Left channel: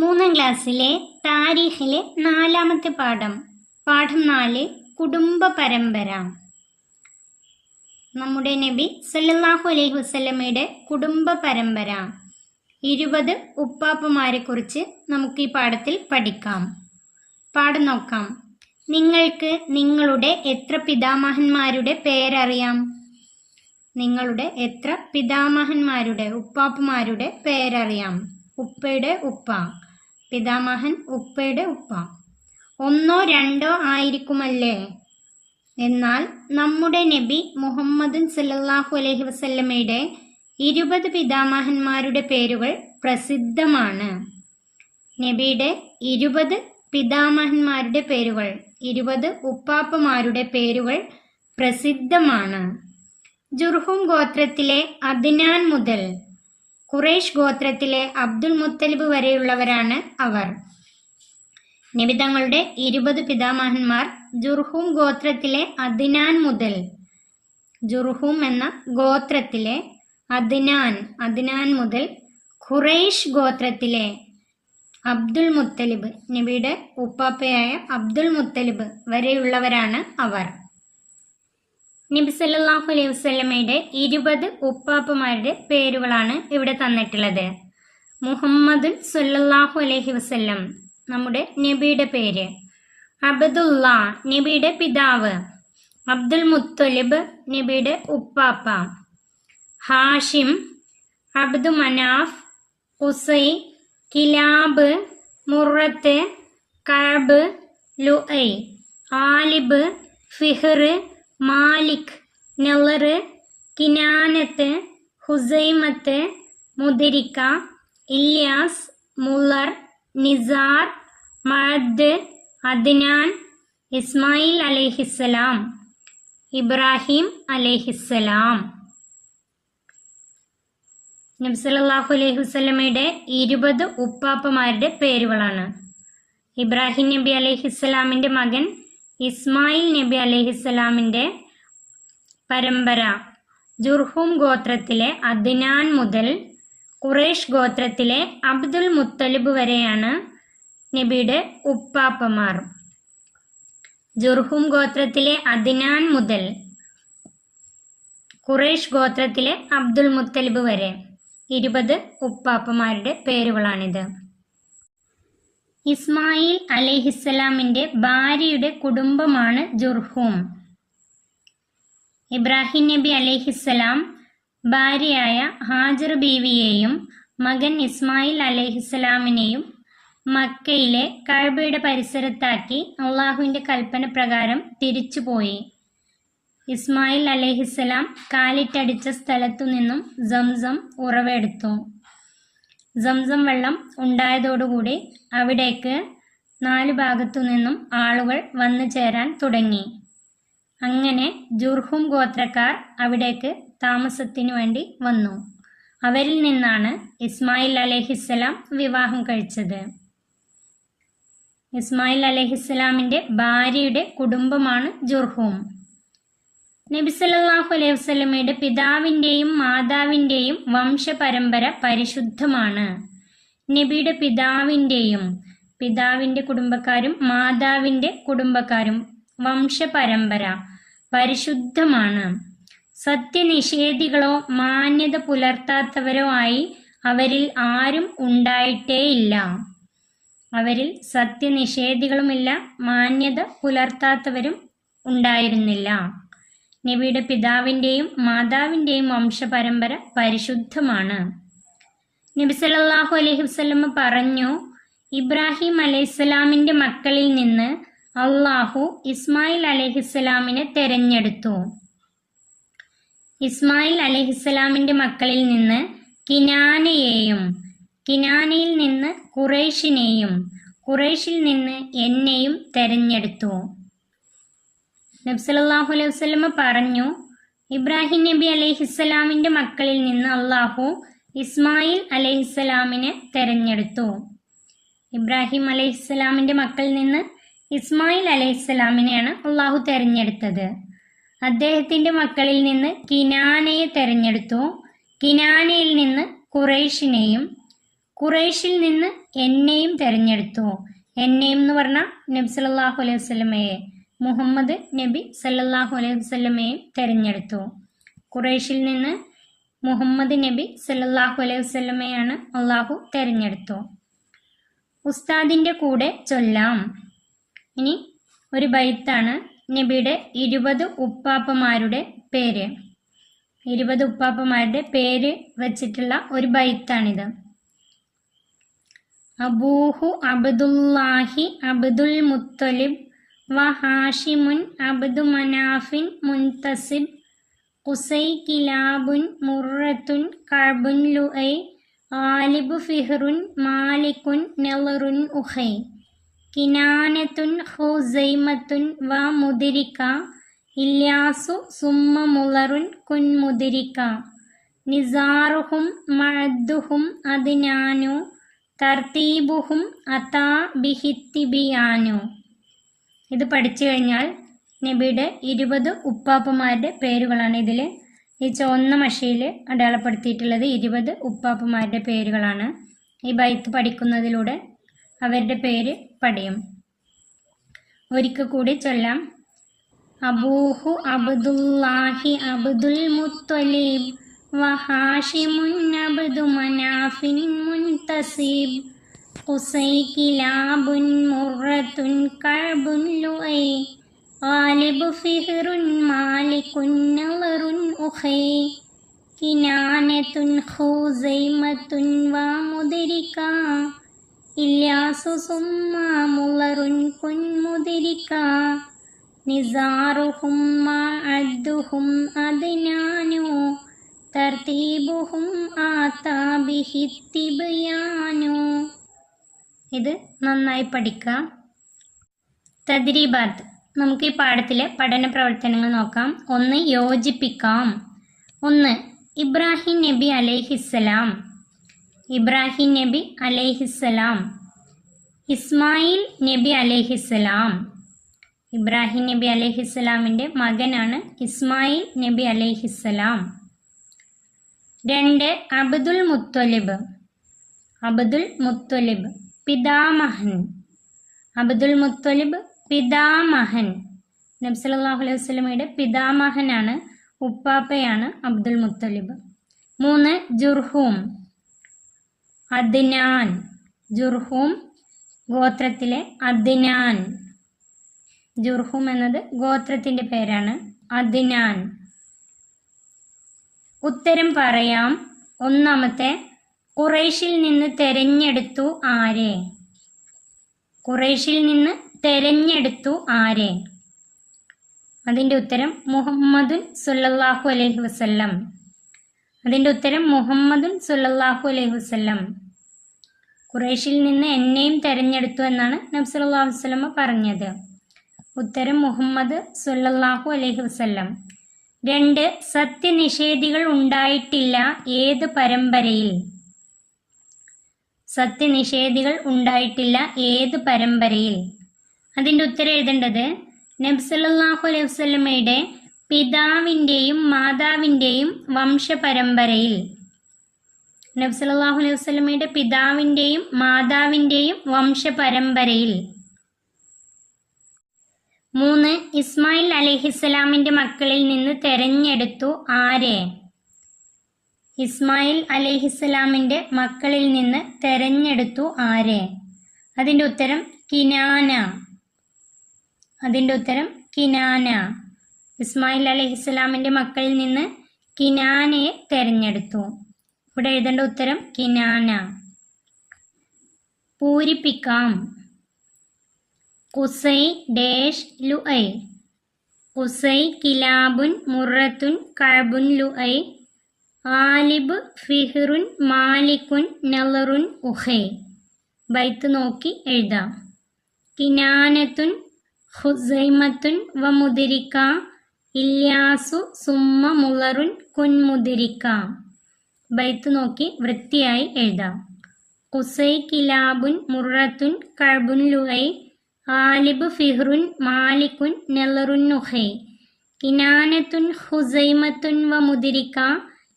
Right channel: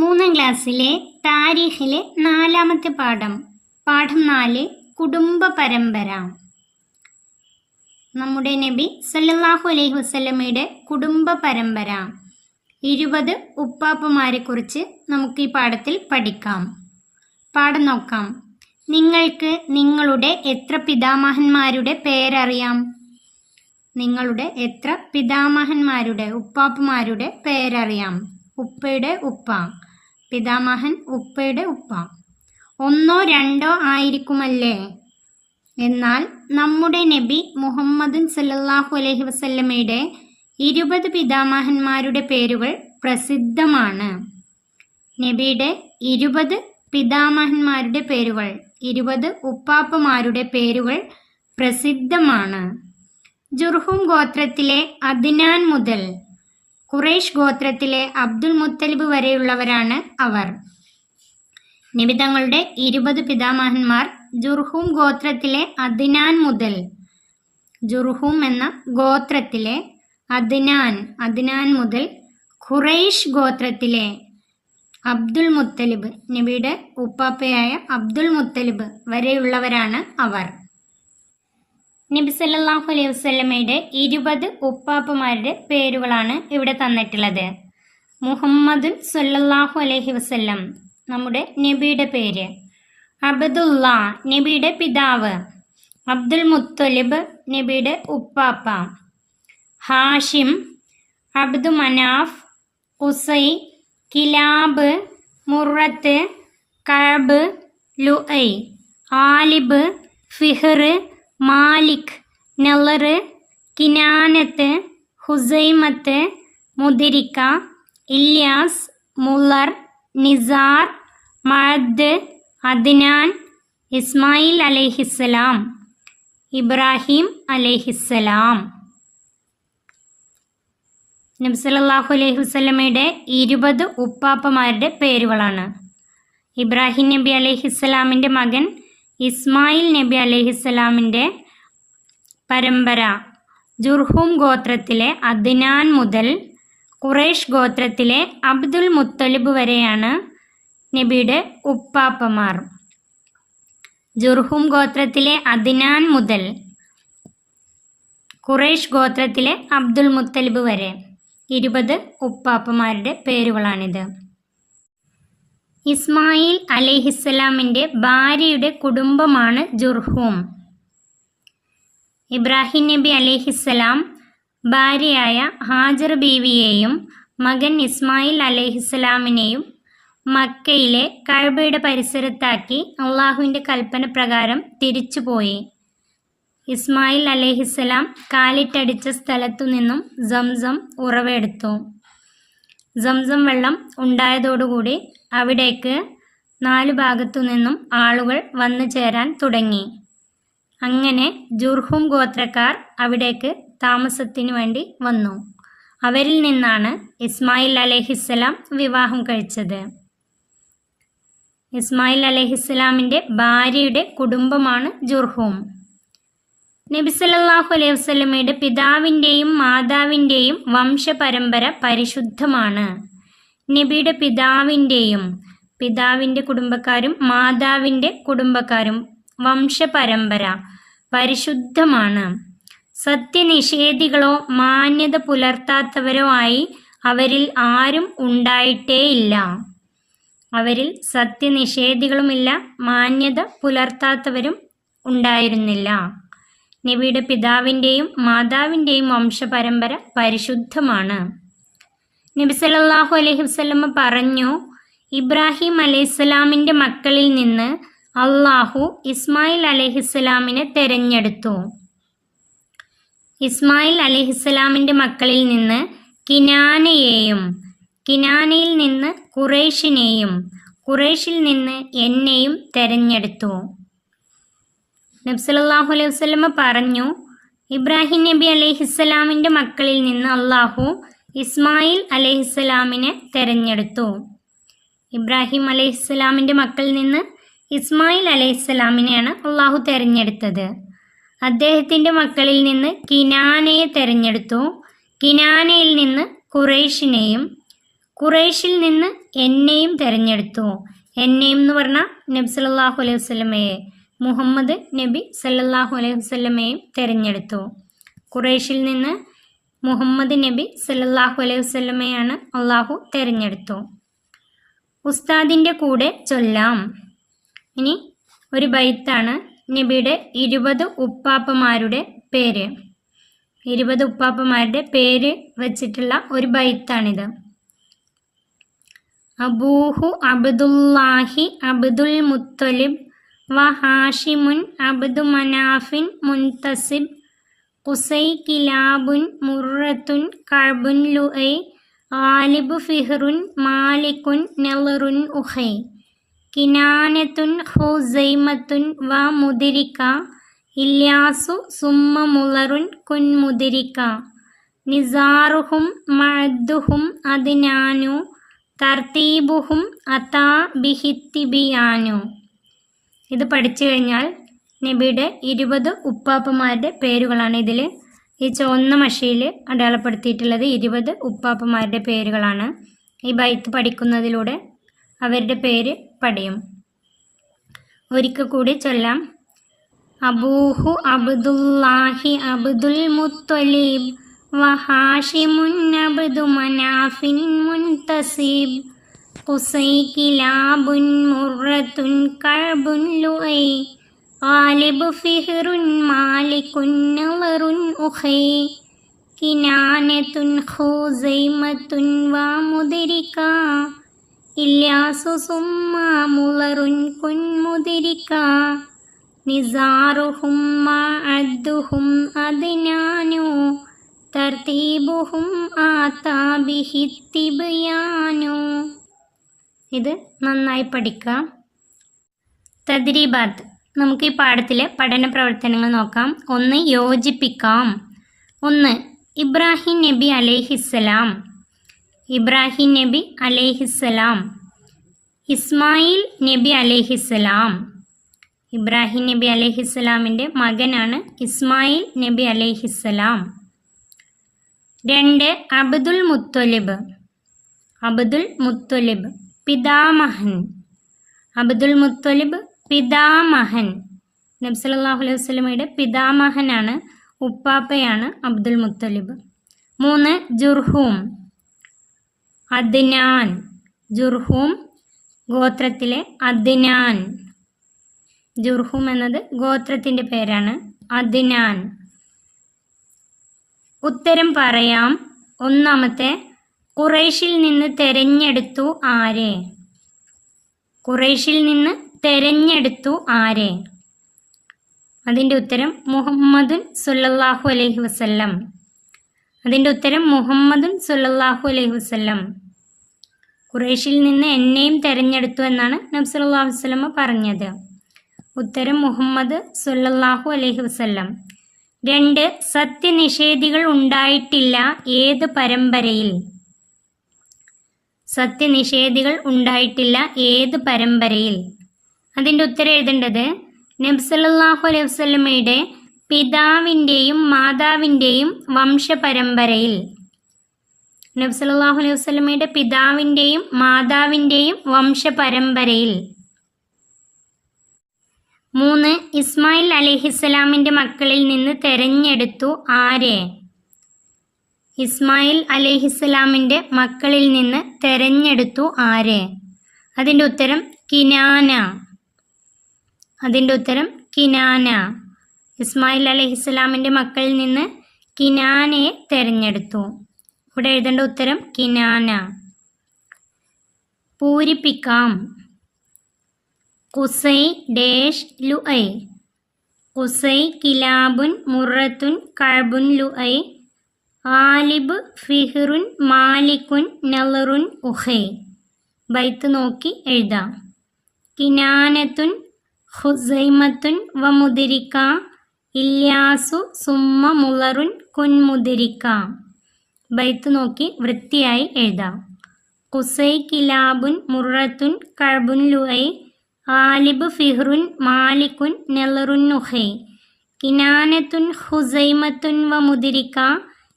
മൂന്നാം ക്ലാസ്സിലെ താരീഖിലെ 4-ാമത്തെ പാഠം 4 കുടുംബ പരമ്പര. നമ്മുടെ നബി സല്ലല്ലാഹു അലൈഹി വസല്ലമയുടെ കുടുംബ പരമ്പര 20 ഉപ്പാപ്പമാരെ കുറിച്ച് നമുക്ക് ഈ പാഠത്തിൽ പഠിക്കാം. പാഠം നോക്കാം. നിങ്ങൾക്ക് നിങ്ങളുടെ എത്ര പിതാമഹന്മാരുടെ പേരറിയാം? നിങ്ങളുടെ എത്ര പിതാമഹന്മാരുടെ ഉപ്പാപ്പമാരുടെ പേരറിയാം? ഉപ്പയുടെ ഉപ്പ, പിതാമഹൻ ഉപ്പയുടെ ഉപ്പ. 1 2 ആയിരിക്കുമല്ലേ? എന്നാൽ നമ്മുടെ നബി മുഹമ്മദ് സല്ലല്ലാഹു അലൈഹി വസല്ലമയുടെ 20 പിതാമഹന്മാരുടെ പേരുകൾ പ്രസിദ്ധമാണ്. നബിയുടെ 20 പിതാമഹന്മാരുടെ പേരുകൾ, 20 ഉപ്പാപ്പമാരുടെ പേരുകൾ പ്രസിദ്ധമാണ്. ജുർഹും ഗോത്രത്തിലെ അദ്നാൻ മുതൽ ഖുറൈശ് ഗോത്രത്തിലെ അബ്ദുൽ മുത്തലിബ് വരെയുള്ളവരാണ് അവർ. നബി തങ്ങളുടെ 20 പിതാമഹന്മാർ ജുർഹും ഗോത്രത്തിലെ അദ്നാൻ മുതൽ, ജുർഹും എന്ന ഗോത്രത്തിലെ അദ്നാൻ മുതൽ ഖുറൈശ് ഗോത്രത്തിലെ അബ്ദുൽ മുത്തലിബ്, നബിയുടെ ഉപ്പാപ്പയായ അബ്ദുൽ മുത്തലിബ് വരെയുള്ളവരാണ് അവർ. നബി സല്ലല്ലാഹു അലൈഹി വസല്ലമയുടെ 20 ഉപ്പാപ്പമാരുടെ പേരുകളാണ് ഇവിടെ തന്നിട്ടുള്ളത്. മുഹമ്മദ് സല്ലല്ലാഹു അലൈഹി വസല്ലം നമ്മുടെ നബിയുടെ പേര്. അബ്ദുള്ള നബിയുടെ പിതാവ്. അബ്ദുൽ മുത്തലിബ് നബിയുടെ ഉപ്പാപ്പ. ഹാഷിം, അബ്ദു മനാഫ്, ഖുസൈ, കിലാബ്, മുറത്ത്, കഅബ്, ലുഐ, ആലിബ്, ഫിഹ്ർ, മാലിക്, നളർ, കിനാനത്ത്, ഹുസൈമത്ത്, മുദരിക്ക, ഇല്യാസ്, മുളർ, നിസാർ, മഅദ്, അദ്നാൻ, ഇസ്മായിൽ അലൈഹിസ്സലാം, ഇബ്രാഹിം അലൈഹിസ്സലാം. നബി സല്ലല്ലാഹു അലൈഹി വസല്ലമയുടെ 20 ഉപ്പാപ്പമാരുടെ പേരുകളാണ്. ഇബ്രാഹിം നബി അലൈഹിസ്സലാമിൻ്റെ മകൻ ഇസ്മായിൽ നബി അലൈഹിസ്സലാമിൻ്റെ പരമ്പര ജുർഹും ഗോത്രത്തിലെ അദ്നാൻ മുതൽ ഖുറൈശ് ഗോത്രത്തിലെ അബ്ദുൽ മുത്തലിബ് വരെയാണ് നബിയുടെ ഉപ്പാപ്പമാർ. ജുർഹും ഗോത്രത്തിലെ അദ്നാൻ മുതൽ ഖുറൈശ് ഗോത്രത്തിലെ അബ്ദുൽ മുത്തലിബ് വരെ 20 ഉപ്പാപ്പമാരുടെ പേരുകളാണിത്. ഇസ്മായിൽ അലൈഹിസ്സലാമിൻ്റെ ഭാര്യയുടെ കുടുംബമാണ് ജുർഹും. ഇബ്രാഹിം നബി അലൈഹിസ്സലാം ഭാര്യയായ ഹാജർ ബീവിയെയും മകൻ ഇസ്മായിൽ അലൈഹിസ്സലാമിനെയും മക്കയിലെ കഅബയുടെ പരിസരത്താക്കി അള്ളാഹുവിൻ്റെ കൽപ്പന പ്രകാരം തിരിച്ചുപോയി. ഇസ്മായിൽ അലൈഹിസ്സലാം കാലിട്ടടിച്ച സ്ഥലത്തു നിന്നും സംസം ഉറവെടുത്തു. സംസം വെള്ളം ഉണ്ടായതോടുകൂടി അവിടേക്ക് 4 ഭാഗത്തു നിന്നും ആളുകൾ വന്നു ചേരാൻ തുടങ്ങി. അങ്ങനെ ജുർഹും ഗോത്രക്കാർ അവിടേക്ക് താമസത്തിനു വേണ്ടി വന്നു. അവരിൽ നിന്നാണ് ഇസ്മായിൽ അലൈഹിസ്സലാം വിവാഹം കഴിച്ചത്. ഇസ്മായിൽ അലൈഹിസ്സലാമിൻ്റെ ഭാര്യയുടെ കുടുംബമാണ് ജുർഹും. നബി സല്ലല്ലാഹു അലൈഹി വസല്ലമയുടെ പിതാവിൻ്റെയും മാതാവിൻ്റെയും വംശപരമ്പര പരിശുദ്ധമാണ്. നബിയുടെ പിതാവിൻ്റെ കുടുംബക്കാരും മാതാവിൻ്റെ കുടുംബക്കാരും വംശപരമ്പര പരിശുദ്ധമാണ്. സത്യനിഷേധികളോ മാന്യത പുലർത്താത്തവരോ ആയി അവരിൽ ആരും ഉണ്ടായിട്ടേയില്ല. അവരിൽ സത്യനിഷേധികളുമില്ല, മാന്യത പുലർത്താത്തവരും ഉണ്ടായിരുന്നില്ല. നബിയുടെ പിതാവിൻ്റെയും മാതാവിൻ്റെയും വംശപരമ്പര പരിശുദ്ധമാണ്. നബി സല്ലല്ലാഹു അലൈഹി വസല്ലമ പറഞ്ഞു, ഇബ്രാഹിം അലൈഹിസ്സലാമിൻ്റെ മക്കളിൽ നിന്ന് അള്ളാഹു ഇസ്മായിൽ അലൈഹിസ്സലാമിനെ തെരഞ്ഞെടുത്തു. ഇസ്മായിൽ അലൈഹിസ്സലാമിൻ്റെ മക്കളിൽ നിന്ന് കിനാനയെയും, കിനാനയിൽ നിന്ന് ഖുറൈശിനെയും, ഖുറൈശിൽ നിന്ന് എന്നെയും തെരഞ്ഞെടുത്തു. നബി സല്ലല്ലാഹു അലൈഹി വസല്ലമ പറഞ്ഞു, ഇബ്രാഹിം നബി അലൈഹിസ്സലാമിൻ്റെ മക്കളിൽ നിന്ന് അള്ളാഹു ഇസ്മായിൽ അലൈഹിസ്സലാമിനെ തെരഞ്ഞെടുത്തു. ഇബ്രാഹിം അലൈഹിസ്സലാമിൻ്റെ മക്കളിൽ നിന്ന് ഇസ്മായിൽ അലൈഹിസ്സലാമിനെയാണ് അള്ളാഹു തെരഞ്ഞെടുത്തത്. അദ്ദേഹത്തിൻ്റെ മക്കളിൽ നിന്ന് കിനാനയെ തെരഞ്ഞെടുത്തു. കിനാനയിൽ നിന്ന് ഖുറൈശിനെയും, ഖുറൈശിൽ നിന്ന് എന്നെയും തിരഞ്ഞെടുത്തു. എന്നെയും എന്ന് പറഞ്ഞാൽ നബി സല്ലല്ലാഹു അലൈഹി വസല്ലമയെ, മുഹമ്മദ് നബി സല്ലല്ലാഹു അലൈഹി വസല്ലമയെയും തിരഞ്ഞെടുത്തു. ഖുറൈശിൽ നിന്ന് മുഹമ്മദ് നബി സല്ലല്ലാഹു അലൈഹി വസല്ലമയാണ് അള്ളാഹു തിരഞ്ഞെടുത്തു. ഉസ്താദിൻ്റെ കൂടെ ചൊല്ലാം. ഇനി ഒരു ബൈത്താണ് നബിയുടെ 20 ഉപ്പാപ്പമാരുടെ പേര്. 20 ഉപ്പാപ്പമാരുടെ പേര് വച്ചിട്ടുള്ള ഒരു ബൈത്താണിത്. അബൂഹു അബ്ദുല്ലാഹി അബ്ദുൽ മുത്തലിബ് വ ഹാഷിമുൻ അബ്ദു മനാഫിൻ മുൻതസിബ് ഖുസൈ കിലാബുൻ മുറത്തുൻ കഅബുൻ ലുഐ ഗാലിബു ഫിഹ്റുൻ മാലിക്കുൻ നളറുൻ ഉഖൈ കിനാനത്തുൻ ഖുസൈമത്തുൻ വ മുദ്രിക ഇല്യാസു സുമ്മ മുളറുൻ കുൻ മുദ്രിക നിസാറുഹും മഅദ്ദുഹും അദ്നാനു തർത്തീബുഹും അതാ ബിഹിത്തിബിയാനു. ഇത് പഠിച്ചു കഴിഞ്ഞാൽ നബിയുടെ 20 ഉപ്പാപ്പമാരുടെ പേരുകളാണ്. ഇതിൽ ഈ ചുവന്ന മഷിയിൽ അടയാളപ്പെടുത്തിയിട്ടുള്ളത് 20 ഉപ്പാപ്പമാരുടെ പേരുകളാണ്. ഈ ബൈത്ത് പഠിക്കുന്നതിലൂടെ അവരുടെ പേര് പഠിയും. ഒരിക്കൽ കൂടി ചൊല്ലാം. അബൂഹു അബ്ദുല്ലാഹി അബ്ദുൽ മുത്തലിബ് വ ഹാഷിമുൻ അബ്ദു മനാഫിൻ മുൻതസിബ് ഖുസൈ കിലാബുൻ മുറത്തുൻ കഅബുൻ ലുഐ ഗാലിബു ഫിഹ്റുൻ മാലിക്കുൻ നളറുൻ ഉഖൈ കിനാനത്തുൻ ഖുസൈമത്തുൻ വ മുദ്രിക ഇല്യാസു സുമ്മ മുളറുൻ കുൻ മുദ്രിക നിസാറുഹും മഅദ്ദുഹും അദ്നാനു തർത്തീബുഹും ആതാ ബിഹിത്തിബിയാനു. ഇത് നന്നായി പഠിക്കാം. തദ്രീബാത്ത്. നമുക്ക് ഈ പാഠത്തിലെ പഠന പ്രവർത്തനങ്ങൾ നോക്കാം. 1. യോജിപ്പിക്കാം. 1. ഇബ്രാഹിം നബി അലൈഹിസ്സലാം. ഇബ്രാഹിം നബി അലൈഹിസ്സലാം. ഇസ്മായിൽ നബി അലൈഹിസ്സലാം. ഇബ്രാഹിം നബി അലൈഹിസ്സലാമിൻ്റെ മകനാണ് ഇസ്മായിൽ നബി അലൈഹിസ്സലാം. 2. അബ്ദുൽ മുത്തലിബ്. അബ്ദുൽ മുത്തലിബ് പിതാമഹൻ. അബ്ദുൽ മുത്തലിബ് പിതാമഹൻ. നബി സല്ലല്ലാഹു അലൈഹി വസല്ലമയുടെ പിതാമഹനാണ്, ഉപ്പാപ്പയാണ് അബ്ദുൽ മുത്തലിബ്. 3. ജുർഹൂം. അദ്നാൻ. ജുർഹൂം ഗോത്രത്തിലെ അദ്നാൻ. ജുർഹൂം എന്നത് ഗോത്രത്തിൻ്റെ പേരാണ്. അദ്നാൻ. ഉത്തരം പറയാം. 1. ഖുറൈശിൽ നിന്ന് തെരഞ്ഞെടുത്തു ആരെ? ഖുറൈശിൽ നിന്ന് തെരഞ്ഞെടുത്തു ആരെ? അതിൻ്റെ ഉത്തരം മുഹമ്മദുൻ സല്ലല്ലാഹു അലൈഹി വസല്ലം. അതിൻ്റെ ഉത്തരം മുഹമ്മദുൻ സല്ലല്ലാഹു അലൈഹി വസല്ലം. ഖുറൈശിൽ നിന്ന് എന്നെയും തെരഞ്ഞെടുത്തു എന്നാണ് നബി സല്ലല്ലാഹു അലൈഹി വസല്ലം പറഞ്ഞത്. ഉത്തരം മുഹമ്മദ് സല്ലല്ലാഹു അലൈഹി വസല്ലം. 2. സത്യനിഷേധികൾ ഉണ്ടായിട്ടില്ല ഏത് പരമ്പരയിൽ? സത്യനിഷേധികൾ ഉണ്ടായിട്ടില്ല ഏത് പരമ്പരയിൽ? അതിൻ്റെ ഉത്തരം എഴുതേണ്ടത് നബി സല്ലല്ലാഹു അലൈഹി വസല്ലമയുടെ പിതാവിൻ്റെയും മാതാവിൻ്റെയും വംശപരമ്പരയിൽ. നബി സല്ലല്ലാഹു അലൈഹി വസല്ലമയുടെ പിതാവിൻ്റെയും മാതാവിൻ്റെയും വംശപരമ്പരയിൽ. 3. ഇസ്മായിൽ അലൈഹിസ്സലാമിൻ്റെ മക്കളിൽ നിന്ന് തെരഞ്ഞെടുത്തു ആരെ? ഇസ്മായിൽ അലൈഹിസ്സലാമിൻ്റെ മക്കളിൽ നിന്ന് തെരഞ്ഞെടുത്തു ആരെ? അതിൻ്റെ ഉത്തരം കിനാന. അതിൻ്റെ ഉത്തരം കിനാന. ഇസ്മായിൽ അലൈഹിസ്സലാമിൻ്റെ മക്കളിൽ നിന്ന് കിനാനയെ തെരഞ്ഞെടുത്തു. ഇവിടെ എഴുതേണ്ട ഉത്തരം കിനാന. പൂരിപ്പിക്കാം. Qusai dash Luayy. ഖുസൈ കിലാബുൻ മുറത്തുൻ കഅബുൻ ലുഐ ഗാലിബ് ഫിഹ്റുൻ മാലിക്കുൻ നളറുൻ ഉഖൈ. ബൈത്ത് നോക്കി എഴുതാം. കിനാനത്തുൻ ഖുസൈമത്തുൻ വ മുദ്രിക ഇല്യാസു സുമ്മ മുളറുൻ കുൻ മുദ്രിക. ബൈത്ത് നോക്കി വൃത്തിയായി എഴുതാം. ഖുസൈ കിലാബുൻ മുറത്തുൻ കഅബുൻ ലുഐ ഗാലിബ് ഫിഹ്റുൻ മാലിക്കുൻ നളറുൻ ഉഖൈ കിനാനത്തുൻ ഖുസൈമത്തുൻ വ മുദ്രിക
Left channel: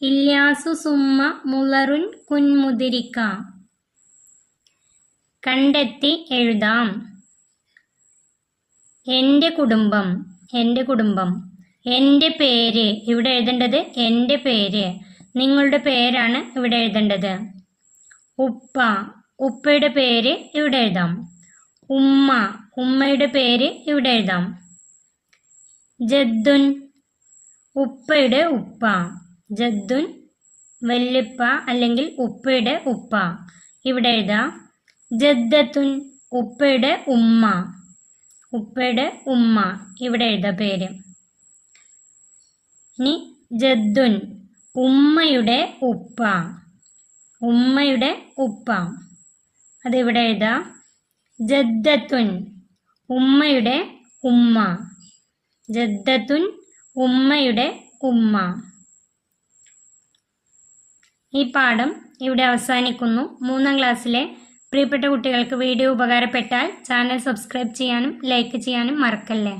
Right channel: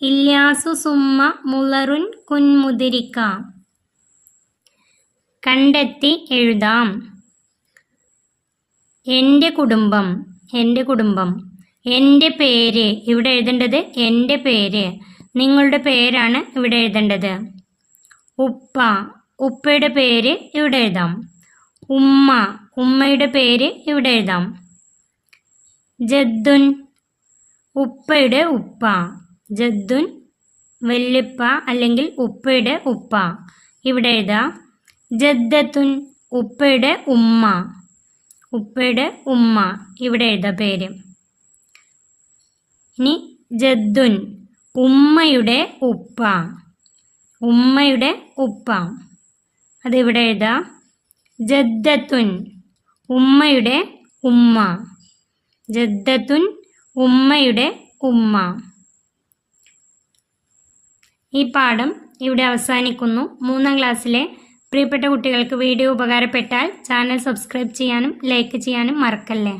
ഇല്യാസു സുമ്മ മുളറുൻ കുൻ മുദ്രിക. കണ്ടെത്തി എഴുതാം. എൻ്റെ കുടുംബം, എൻ്റെ കുടുംബം. എൻ്റെ പേര്, ഇവിടെ എഴുതേണ്ടത് എൻ്റെ പേര്. നിങ്ങളുടെ പേരാണ് ഇവിടെ എഴുതേണ്ടത്. ഉപ്പ, ഉപ്പയുടെ പേര് ഇവിടെ എഴുതാം. ഉമ്മ, ഉമ്മയുടെ പേര് ഇവിടെ എഴുതാം. ജദ്ദുൻ, ഉപ്പയുടെ ഉപ്പ. ജദ്ദുൻ വല്യപ്പ അല്ലെങ്കിൽ ഉപ്പയുടെ ഉപ്പ. ഇവിടെ എഴുതാം. ജദ്ദത്തുൻ, ഉപ്പയുടെ ഉമ്മ. ഉപ്പയുടെ ഉമ്മ. ഇവിടെ എഴുതാം പേര്. ഇനി ജദ്ദുൻ, ഉമ്മയുടെ ഉപ്പ. ഉമ്മയുടെ ഉപ്പ. അതിവിടെ എഴുതാം. ജദ്ദത്തുൻ, ഉമ്മയുടെ ഉമ്മ. ജദ്ദത്തുൻ, ഉമ്മയുടെ ഉമ്മ. ഈ പാഠം ഇവിടെ അവസാനിക്കുന്നു. 3ാം ക്ലാസ്സിലെ പ്രിയപ്പെട്ട കുട്ടികൾക്ക് വീഡിയോ ഉപകാരപ്പെട്ടാൽ ചാനൽ സബ്സ്ക്രൈബ് ചെയ്യാനും ലൈക്ക് ചെയ്യാനും മറക്കല്ലേ.